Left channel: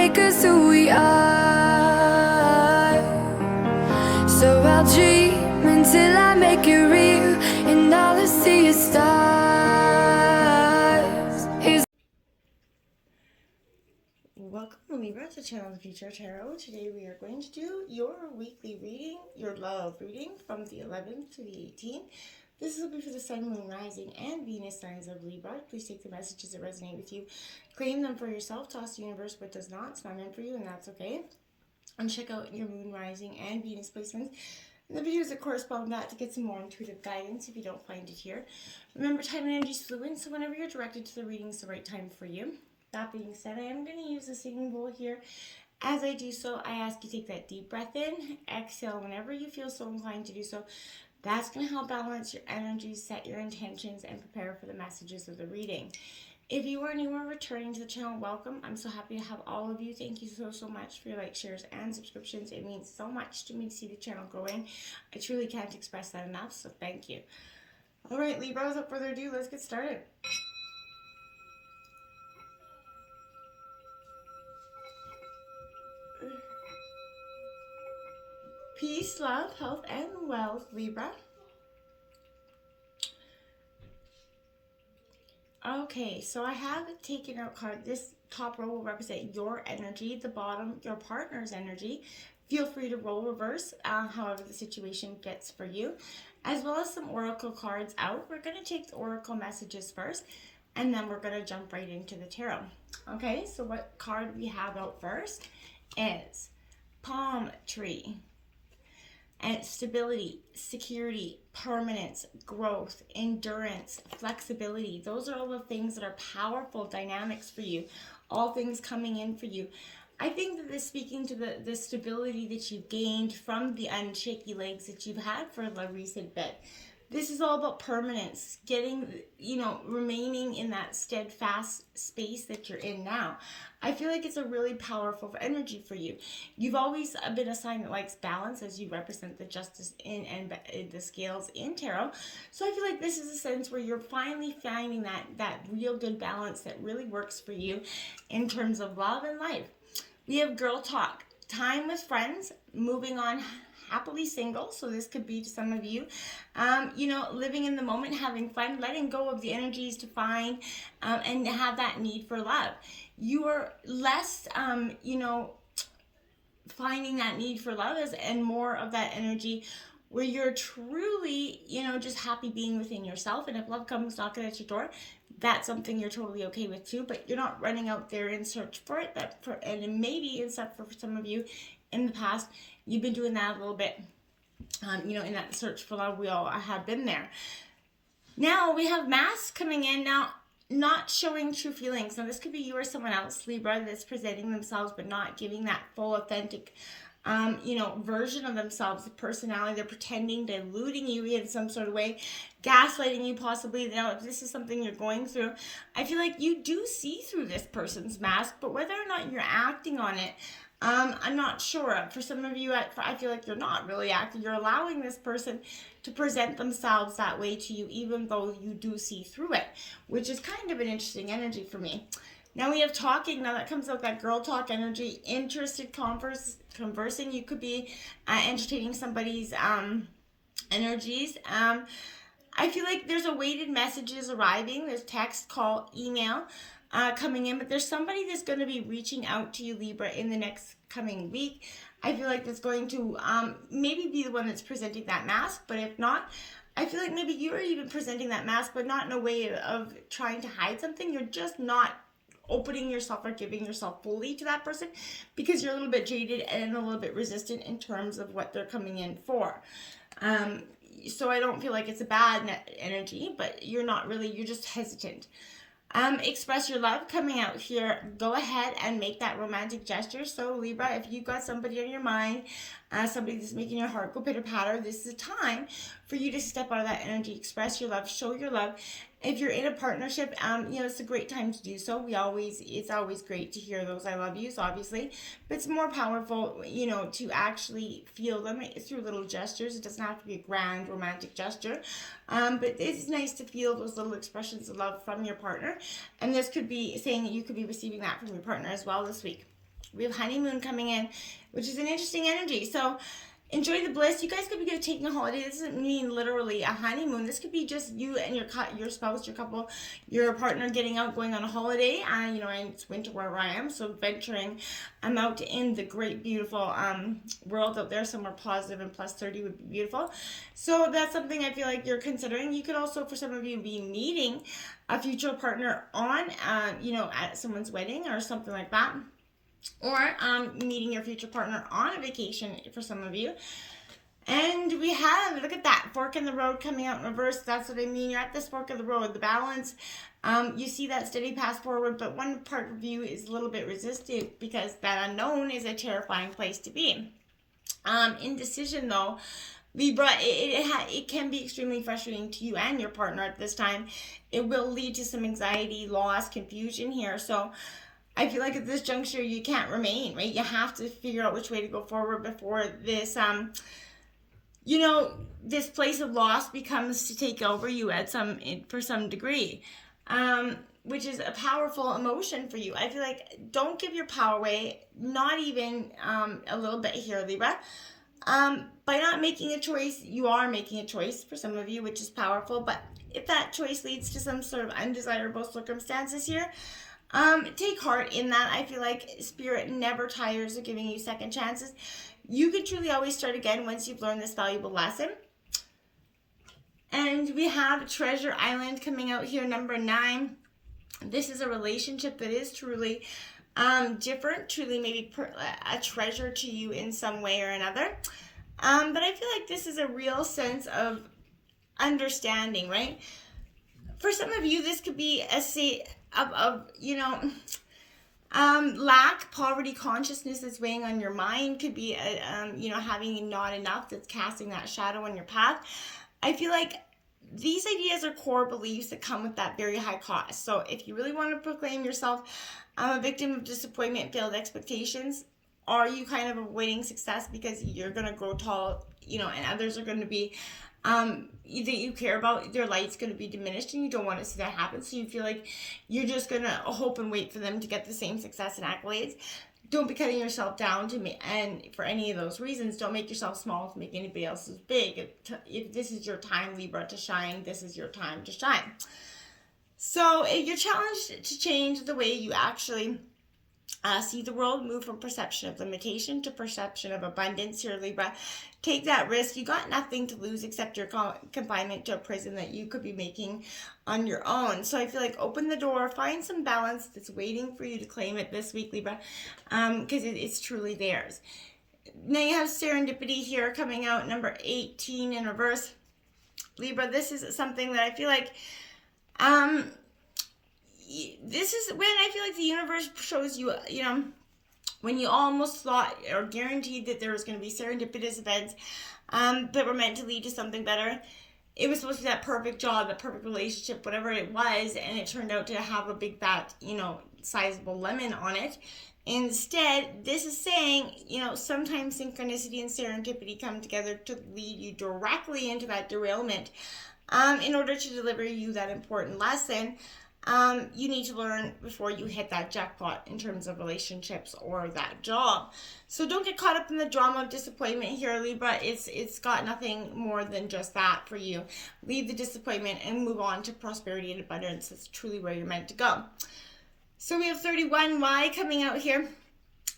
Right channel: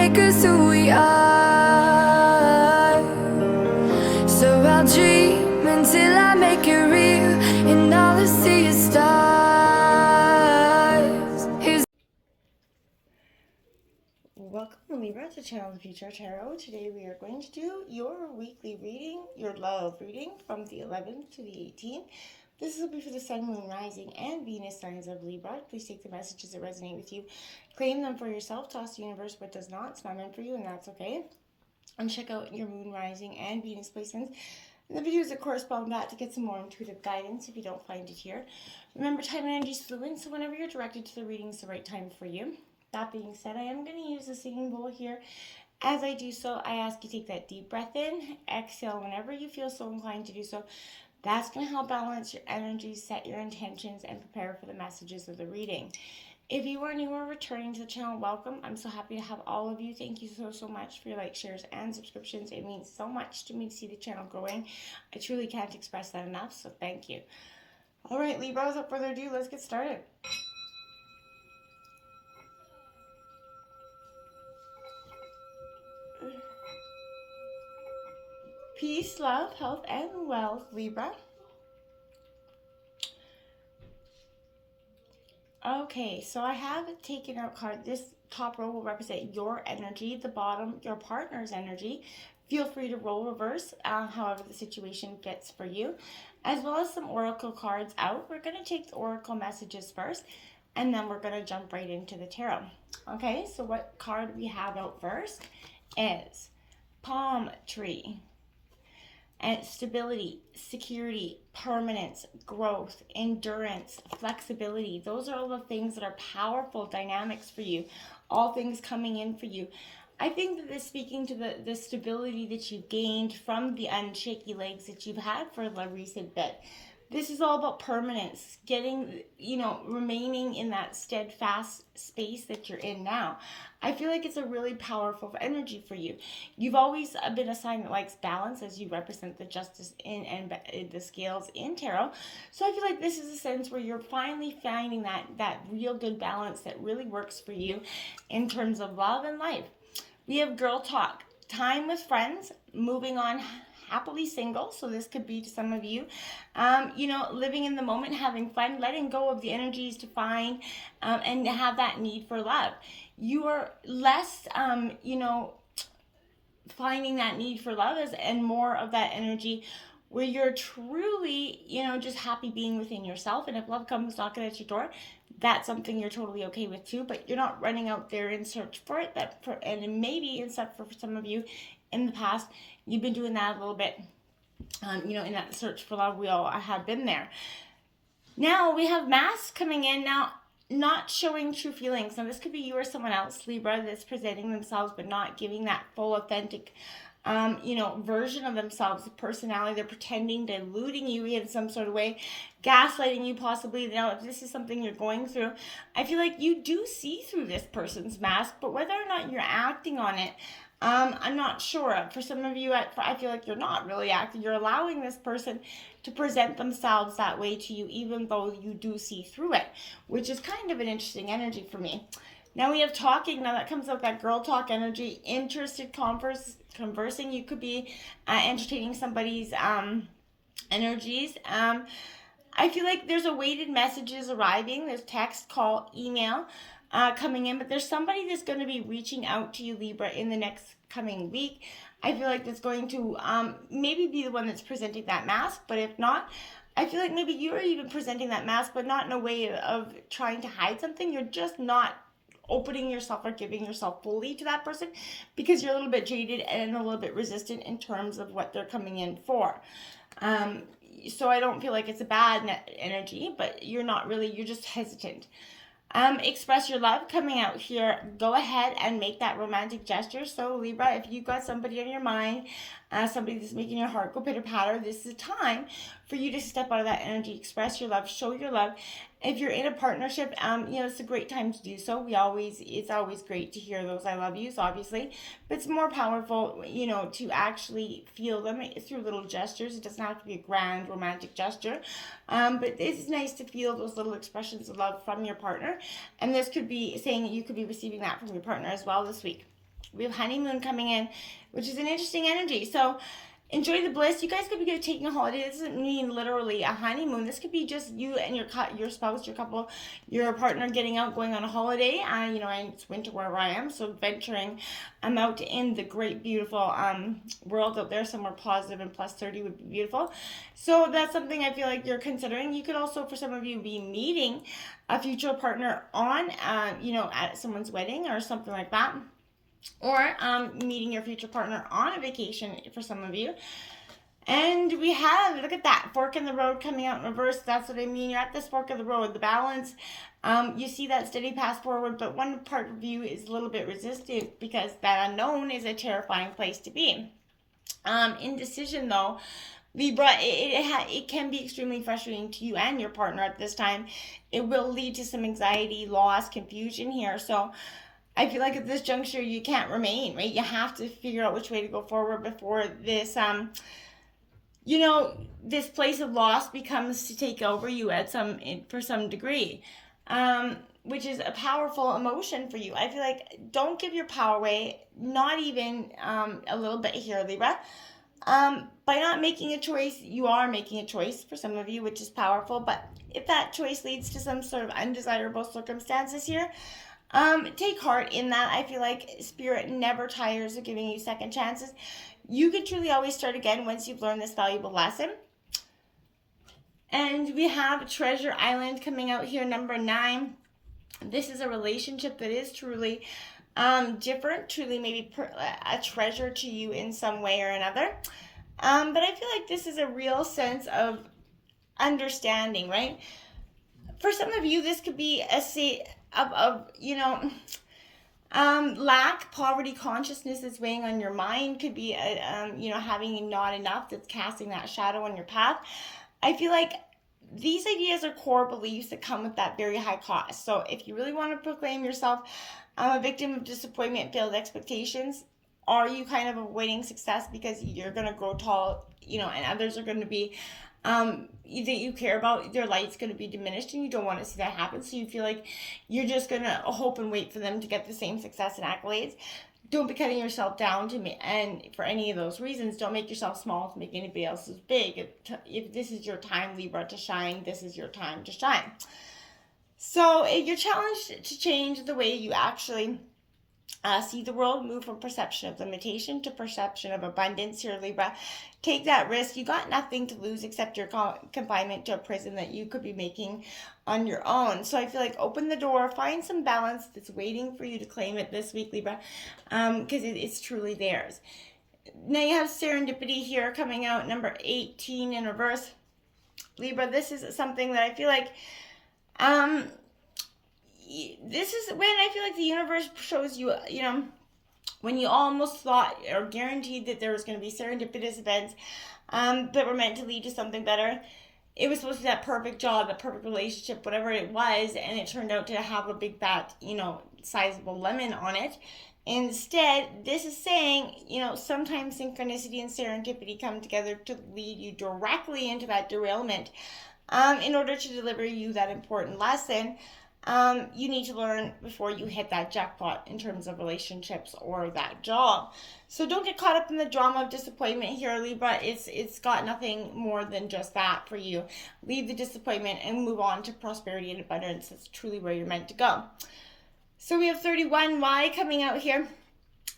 make us who we are. So I'll dream until I make it real, and all I see is stars. Welcome, Libra, to Channel of Future Tarot. Today we are going to do your weekly reading, your love reading from the 11th to the 18th. This will be for the Sun, Moon, Rising, and Venus signs of Libra. Please take the messages that resonate with you, claim them for yourself, toss the universe what does not. It's not meant for you, and that's okay. And check out your Moon, Rising, and Venus placements and the videos that correspond with that to get some more intuitive guidance if you don't find it here. Remember, time and energy is fluid, so whenever you're directed to the reading, it's the right time for you. That being said, I am going to use the singing bowl here. As I do so, I ask you to take that deep breath in, exhale whenever you feel so inclined to do so. That's going to help balance your energy, set your intentions, and prepare for the messages of the reading. If you are new or returning to the channel, welcome. I'm so happy to have all of you. Thank you so much for your likes, shares, and subscriptions. It means so much to me to see the channel growing. I truly can't express that enough, so thank you. All right, Libra, without further ado, let's get started. Peace, love, health, and wealth, Libra. Okay, so I have taken out card. This top row will represent your energy, the bottom, your partner's energy. Feel free to roll reverse, however the situation fits for you, as well as some oracle cards out. We're going to take the oracle messages first, and then we're going to jump right into the tarot. Okay, so what card we have out first is Palm Tree. And stability, security, permanence, growth, endurance, flexibility. Those are all the things that are powerful dynamics for you. All things coming in for you. I think that this speaking to the stability that you gained from the unshaky legs that you've had for a recent bit. This is all about permanence, getting, remaining in that steadfast space that you're in now. I feel like it's a really powerful energy for you. You've always been a sign that likes balance, as you represent the justice and the scales in tarot. So I feel like this is a sense where you're finally finding that real good balance that really works for you in terms of love and life. We have girl talk, time with friends, moving on, happily single, so this could be to some of you, living in the moment, having fun, letting go of the energies to find and have that need for love. You are less, finding that need for love and more of that energy where you're truly, just happy being within yourself. And if love comes knocking at your door, that's something you're totally okay with too, but you're not running out there in search for it. And maybe except for some of you in the past, you've been doing that a little bit, in that search for love. We all have been there. Now we have masks coming in now, not showing true feelings. Now this could be you or someone else, Libra, that's presenting themselves but not giving that full authentic version of themselves, the personality. They're pretending, deluding you in some sort of way, gaslighting you possibly. Now if this is something you're going through, I feel like you do see through this person's mask, but whether or not you're acting on it, I'm not sure. For some of you, I feel like you're not really acting. You're allowing this person to present themselves that way to you, even though you do see through it, which is kind of an interesting energy for me. Now we have talking. Now that comes out that girl talk energy, interested, conversing. You could be entertaining somebody's energies. I feel like there's awaited messages arriving. There's text, call, email coming in, but there's somebody that's going to be reaching out to you, Libra, in the next coming week. I feel like that's going to maybe be the one that's presenting that mask, but if not, I feel like maybe you're even presenting that mask, but not in a way of trying to hide something. You're just not opening yourself or giving yourself fully to that person because you're a little bit jaded and a little bit resistant in terms of what they're coming in for. So I don't feel like it's a bad energy, but you're not really, you're just hesitant. Express your love coming out here. Go ahead and make that romantic gesture. So Libra, if you've got somebody on your mind, somebody that's making your heart go pitter patter, this is a time for you to step out of that energy, express your love, show your love, If you're in a partnership, it's a great time to do so. It's always great to hear those I love yous, obviously, but it's more powerful, to actually feel them through little gestures. It doesn't have to be a grand romantic gesture, but it's nice to feel those little expressions of love from your partner. And this could be saying that you could be receiving that from your partner as well this week. We have honeymoon coming in, which is an interesting energy. So enjoy the bliss. You guys could be taking a holiday. This doesn't mean literally a honeymoon. This could be just you and your spouse, your couple, your partner getting out, going on a holiday. And it's winter where I am, so venturing out in the great, beautiful world out there, somewhere positive and plus 30 would be beautiful. So that's something I feel like you're considering. You could also, for some of you, be meeting a future partner on, at someone's wedding or something like that. Or meeting your future partner on a vacation for some of you. And we have, look at that, fork in the road coming out in reverse. That's what I mean. You're at this fork of the road. The balance, you see that steady path forward, but one part of you is a little bit resistant because that unknown is a terrifying place to be. Indecision, though, Libra, it can be extremely frustrating to you and your partner at this time. It will lead to some anxiety, loss, confusion here. So I feel like at this juncture, you can't remain, right? You have to figure out which way to go forward before this, this place of loss becomes to take over you for some degree, which is a powerful emotion for you. I feel like don't give your power away, not even a little bit here, Libra. By not making a choice, you are making a choice for some of you, which is powerful. But if that choice leads to some sort of undesirable circumstances here, take heart in that. I feel like Spirit never tires of giving you second chances. You can truly always start again once you've learned this valuable lesson. And we have Treasure Island coming out here, number 9. This is a relationship that is truly different, truly maybe a treasure to you in some way or another. But I feel like this is a real sense of understanding, right? For some of you, this could be a lack, poverty consciousness that's weighing on your mind. Could be having not enough that's casting that shadow on your path. I feel like these ideas are core beliefs that come with that very high cost. So if you really want to proclaim yourself a victim of disappointment, failed expectations, are you kind of avoiding success because you're going to grow tall, and others are going to be that you care about, their light's going to be diminished, and you don't want to see that happen, so you feel like you're just going to hope and wait for them to get the same success and accolades. Don't be cutting yourself down and for any of those reasons. Don't make yourself small to make anybody else's big. If this is your time, Libra, to shine, this is your time to shine. So you're challenged to change the way you actually see the world, move from perception of limitation to perception of abundance here, Libra. Take that risk. You got nothing to lose except your confinement to a prison that you could be making on your own. So I feel like open the door, find some balance that's waiting for you to claim it this week, Libra, because it's truly theirs. Now you have serendipity here coming out, number 18 in reverse. Libra, this is something that I feel like this is when I feel like the universe shows you, when you almost thought or guaranteed that there was going to be serendipitous events that were meant to lead to something better. It was supposed to be that perfect job, that perfect relationship, whatever it was, and it turned out to have a big fat, sizable lemon on it. Instead, this is saying, sometimes synchronicity and serendipity come together to lead you directly into that derailment. In order to deliver you that important lesson, you need to learn before you hit that jackpot in terms of relationships or that job. So don't get caught up in the drama of disappointment here, Libra. It's got nothing more than just that for you. Leave the disappointment and move on to prosperity and abundance. That's truly where you're meant to go. So we have 31Y coming out here.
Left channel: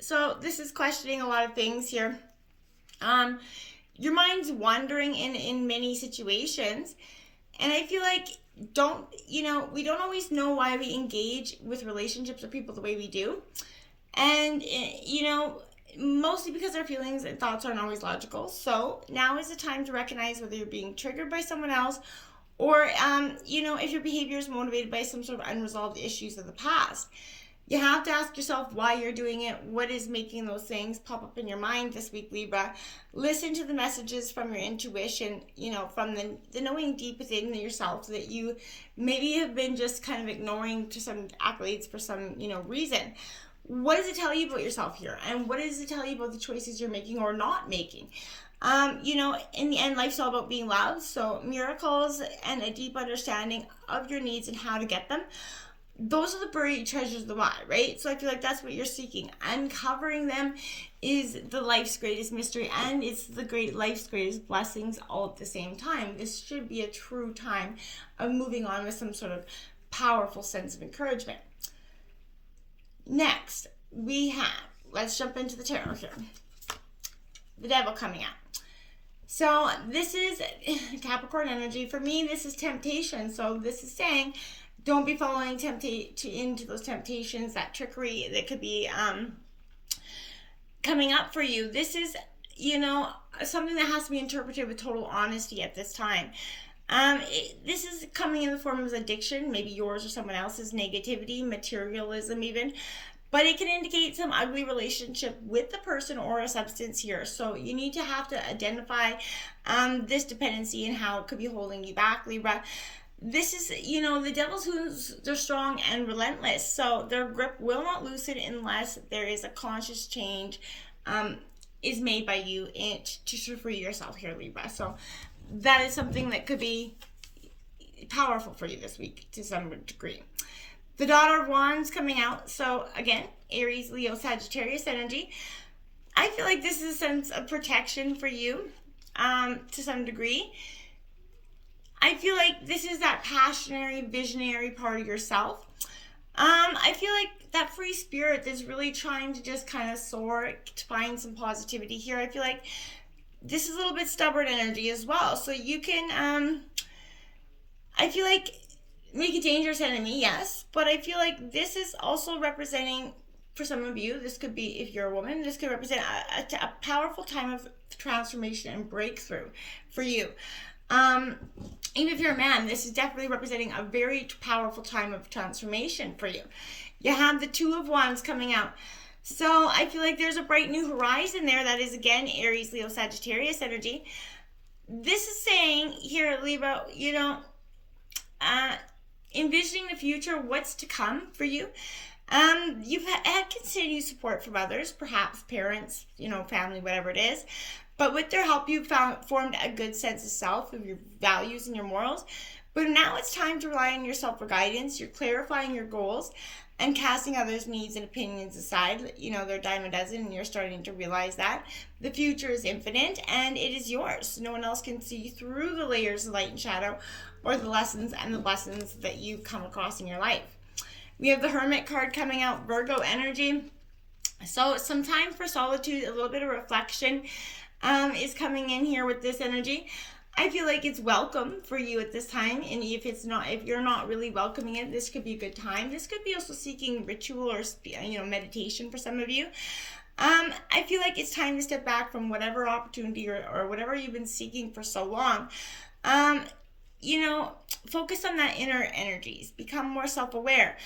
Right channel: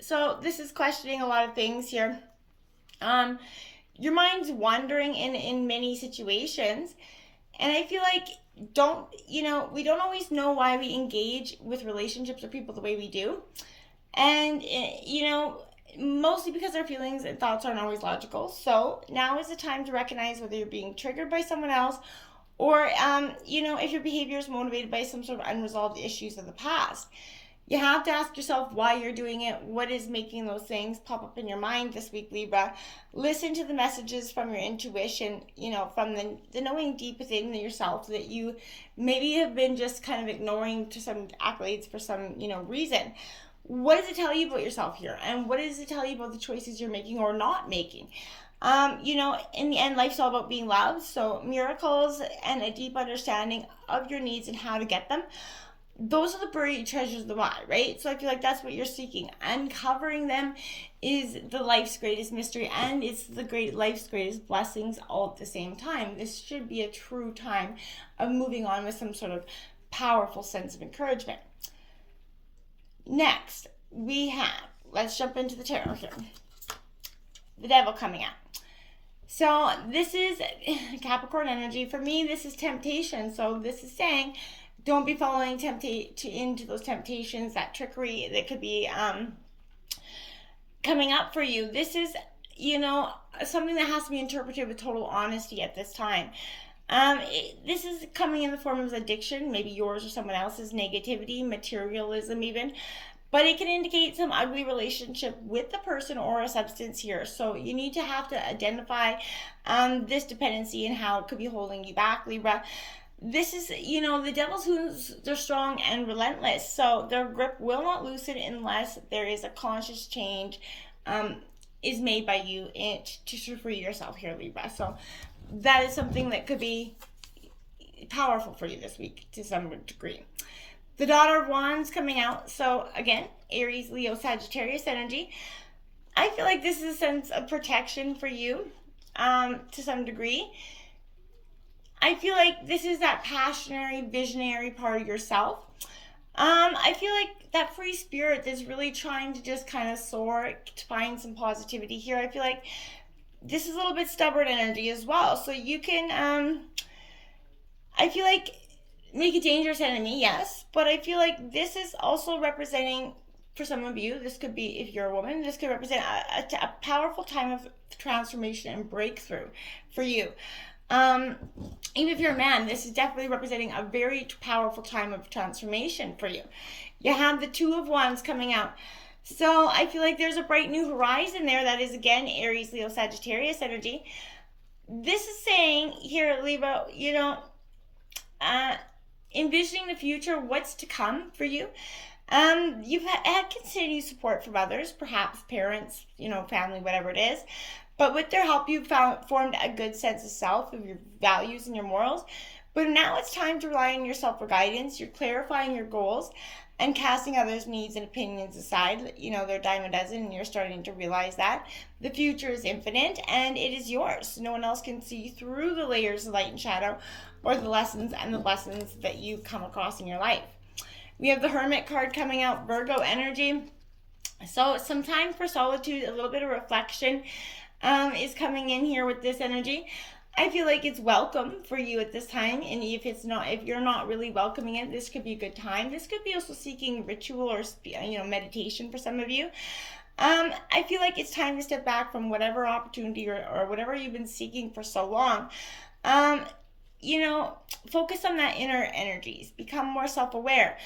So this is questioning a lot of things here. Your mind's wandering in many situations. And I feel like we don't always know why we engage with relationships or people the way we do. And, mostly because our feelings and thoughts aren't always logical. So now is the time to recognize whether you're being triggered by someone else or, if your behavior is motivated by some sort of unresolved issues of the past. You have to ask yourself why you're doing it. What is making those things pop up in your mind this week, Libra? Listen to the messages from your intuition, from the knowing deep within yourself that you maybe have been just kind of ignoring to some accolades for some, reason. What does it tell you about yourself here? And what does it tell you about the choices you're making or not making? In the end, life's all about being loved. So miracles and a deep understanding of your needs and how to get them those are the buried treasures of the body, right? So I feel like that's what you're seeking. Uncovering them is the life's greatest mystery, and it's the great life's greatest blessings all at the same time. This should be a true time of moving on with some sort of powerful sense of encouragement. Next, we have, let's jump into the tarot here. The Devil coming out. So this is Capricorn energy. For me, this is temptation. So this is saying, don't be falling into those temptations, that trickery that could be coming up for you. This is, something that has to be interpreted with total honesty at this time. This is coming in the form of addiction, maybe yours or someone else's, negativity, materialism even. But it can indicate some ugly relationship with the person or a substance here. So you need to have to identify this dependency and how it could be holding you back, Libra. This is, the devil's wounds, they're strong and relentless. So their grip will not loosen unless there is a conscious change is made by you to free yourself here, Libra. So that is something that could be powerful for you this week to some degree. The Daughter of Wands coming out. So again, Aries, Leo, Sagittarius energy. I feel like this is a sense of protection for you to some degree. I feel like this is that passionate, visionary part of yourself. I feel like that free spirit that's really trying to just kind of soar, to find some positivity here. I feel like this is a little bit stubborn energy as well. So you can, I feel like, make a dangerous enemy, yes. But I feel like this is also representing, for some of you, this could be, if you're a woman, this could represent a powerful time of transformation and breakthrough for you. Even if you're a man, this is definitely representing a very powerful time of transformation for you. You have the Two of Wands coming out. So I feel like there's a bright new horizon there. That is, again, Aries, Leo, Sagittarius energy. This is saying here, Libra, envisioning the future, what's to come for you. You've had continued support from others, perhaps parents, family, whatever it is. But with their help, you've formed a good sense of self, of your values and your morals. But now it's time to rely on yourself for guidance. You're clarifying your goals and casting others' needs and opinions aside. They're a dime a dozen, and you're starting to realize that. The future is infinite, and it is yours. No one else can see through the layers of light and shadow, or the lessons that you come across in your life. We have the Hermit card coming out, Virgo energy. So some time for solitude, a little bit of reflection is coming in here with this energy. I feel like it's welcome for you at this time, and if you're not really welcoming it, this could be a good time. This could be also seeking ritual or meditation for some of you. I feel like it's time to step back from whatever opportunity or whatever you've been seeking for so long. Focus on that inner energies. Become more self-aware.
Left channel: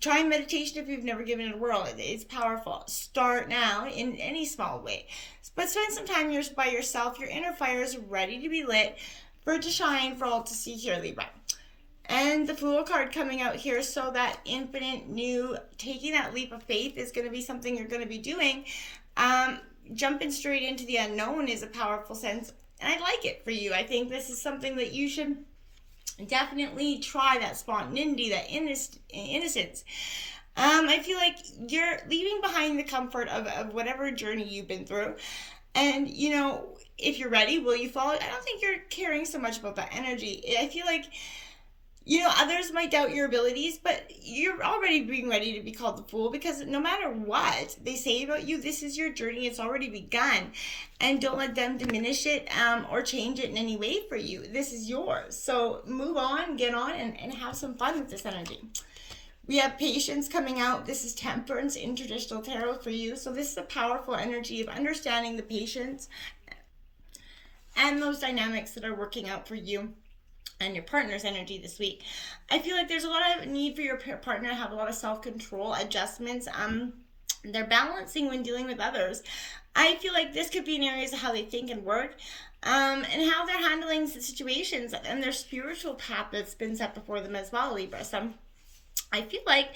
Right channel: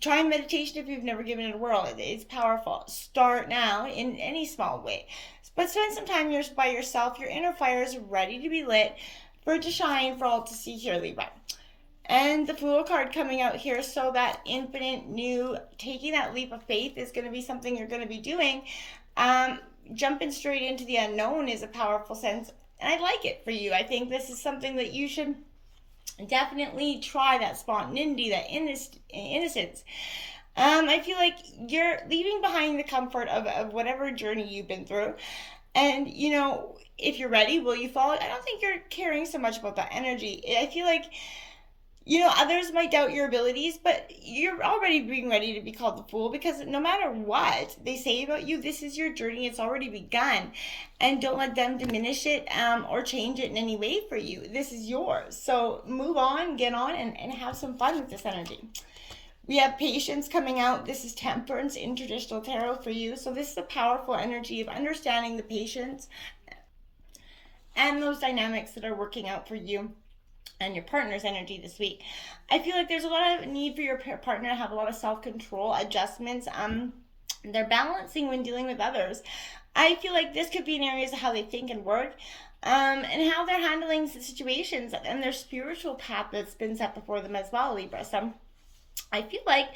Try meditation if you've never given it a whirl. It's powerful. Start now in any small way. But spend some time by yourself. Your inner fire is ready to be lit for it to shine for all to see here, Libra. And the Fool card coming out here, so that infinite new, taking that leap of faith is going to be something you're going to be doing. Jumping straight into the unknown is a powerful sense, and I like it for you. I think this is something that you should definitely try, that spontaneity, that innocence. I feel like you're leaving behind the comfort of whatever journey you've been through. And, if you're ready, will you follow? I don't think you're caring so much about that energy. I feel like, others might doubt your abilities, but you're already being ready to be called the Fool, because no matter what they say about you, this is your journey. It's already begun. And don't let them diminish it or change it in any way for you. This is yours. So move on, get on, and have some fun with this energy. We have Patience coming out. This is Temperance in traditional tarot for you. So this is a powerful energy of understanding the patience and those dynamics that are working out for you and your partner's energy this week. I feel like there's a lot of need for your partner to have a lot of self-control, adjustments. They're balancing when dealing with others. I feel like this could be in areas of how they think and work, and how they're handling the situations and their spiritual path that's been set before them as well, Libra. So I feel like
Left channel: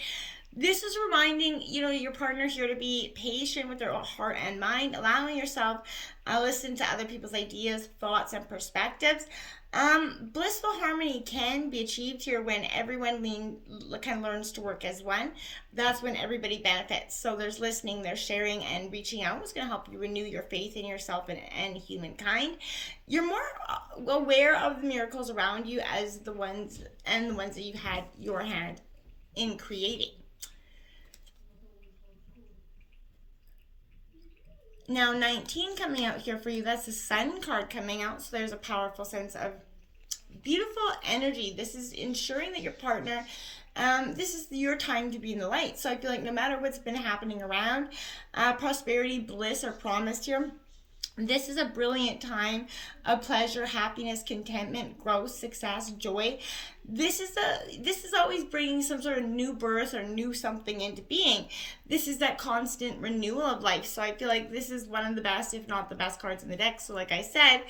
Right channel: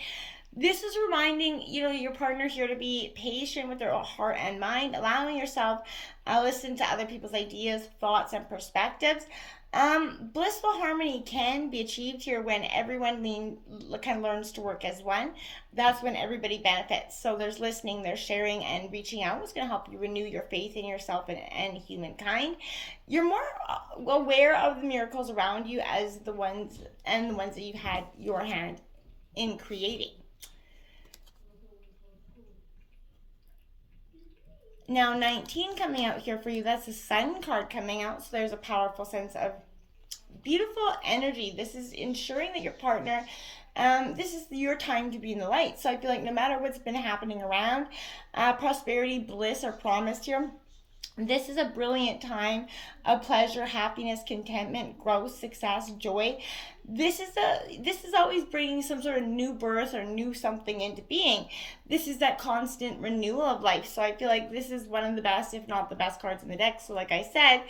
This is reminding, your partner here to be patient with their heart and mind, allowing yourself listen to other people's ideas, thoughts, and perspectives. Blissful harmony can be achieved here when everyone kind of learns to work as one. That's when everybody benefits. So there's listening, there's sharing, and reaching out is going to help you renew your faith in yourself and humankind. You're more aware of the miracles around you as the ones that you've had your hand in creating. Now, 19 coming out here for you, that's the Sun card coming out. So there's a powerful sense of beautiful energy. This is ensuring that your partner, this is your time to be in the light. So I feel like no matter what's been happening around, prosperity, bliss are promised here. This is a brilliant time of pleasure, happiness, contentment, growth, success, joy. This is always bringing some sort of new birth or new something into being. This is that constant renewal of life. So I feel like this is one of the best, if not the best cards in the deck. So like I said,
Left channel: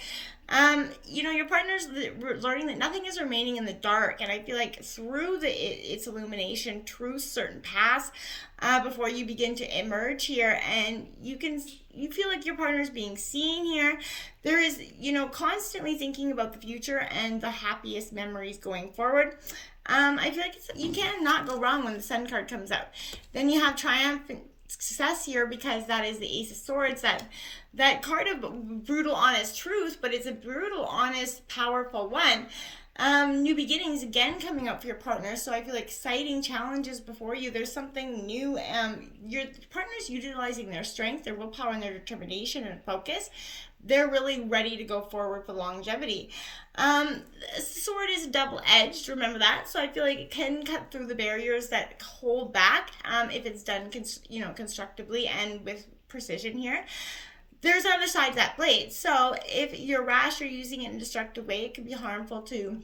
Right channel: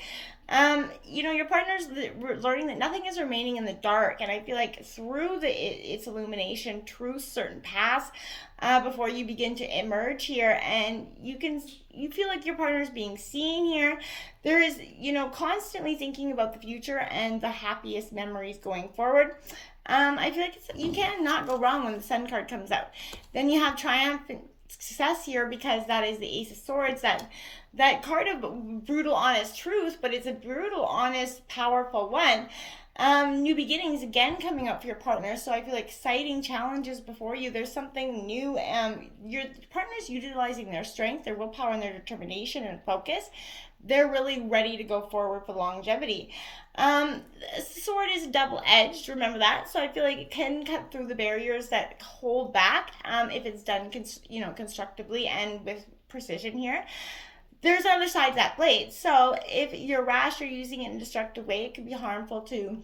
your partner's learning that nothing is remaining in the dark. And I feel like through its illumination, truths, certain paths, before you begin to emerge here, and you feel like your partner is being seen here. There is, constantly thinking about the future and the happiest memories going forward. I feel like you cannot go wrong when the Sun card comes out. Then you have triumphant success here, because that is the Ace of Swords, that card of brutal, honest truth, but it's a brutal, honest, powerful one. New beginnings again coming up for your partner. So I feel like exciting challenges before you. There's something new. Your partner's utilizing their strength, their willpower, and their determination and focus. They're really ready to go forward for longevity. Sword is double-edged, remember that. So I feel like it can cut through the barriers that hold back, if it's done constructively and with precision here. There's other side to that blade. So if you're rash or using it in a destructive way, it can be harmful to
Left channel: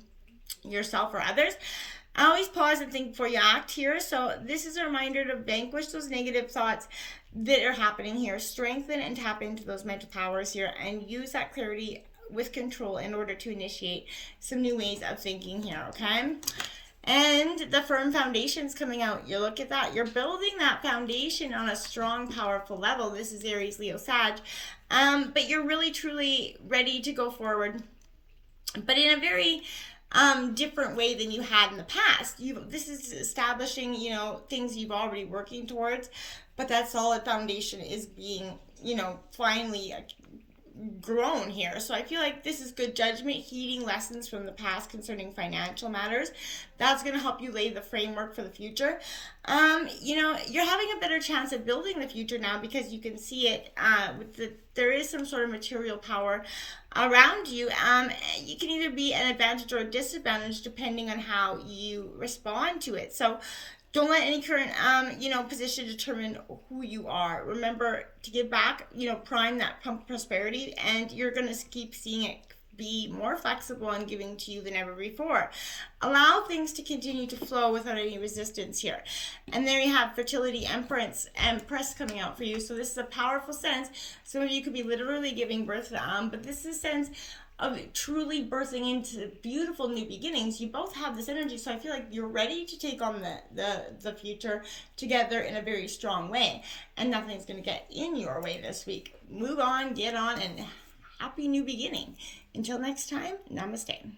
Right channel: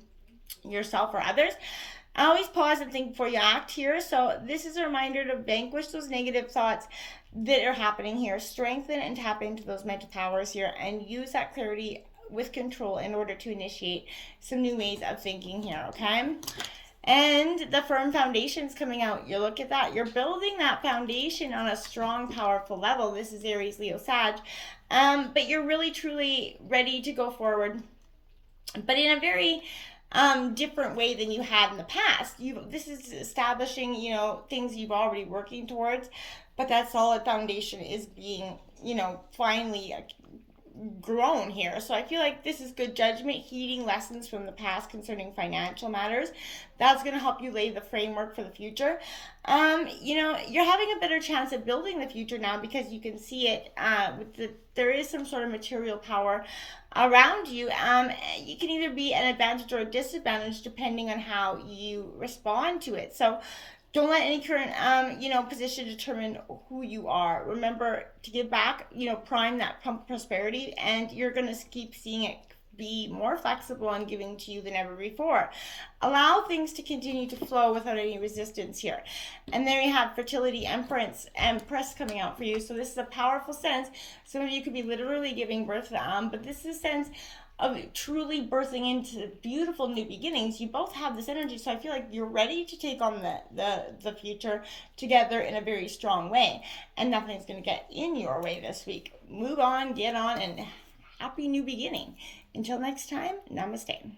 yourself or others. Always pause and think before you act here. So this is a reminder to vanquish those negative thoughts that are happening here. Strengthen and tap into those mental powers here, and use that clarity with control in order to initiate some new ways of thinking here, okay? And the firm foundation's coming out. You look at that. You're building that foundation on a strong, powerful level. This is Aries, Leo, Sag. But you're really, truly ready to go forward, but in a very different way than you had in the past. This is establishing, things you've already working towards, but that solid foundation is being, finally grown here. So I feel like this is good judgment, heeding lessons from the past concerning financial matters. That's going to help you lay the framework for the future. You're having a better chance at building the future now, because you can see it. There is some sort of material power around you. You can either be an advantage or a disadvantage depending on how you respond to it. So don't let any current, position determine who you are. Remember to give back, prime that pump prosperity, and you're going to keep seeing it be more flexible and giving to you than ever before. Allow things to continue to flow without any resistance here. And there you have fertility, empress coming out for you. So this is a powerful sense. Some of you could be literally giving birth, but this is a sense of truly birthing into beautiful new beginnings. You both have this energy, so I feel like you're ready to take on the future together in a very strong way, and nothing's going to get in your way this week. Move on, get on, and happy new beginning. Until next time, namaste.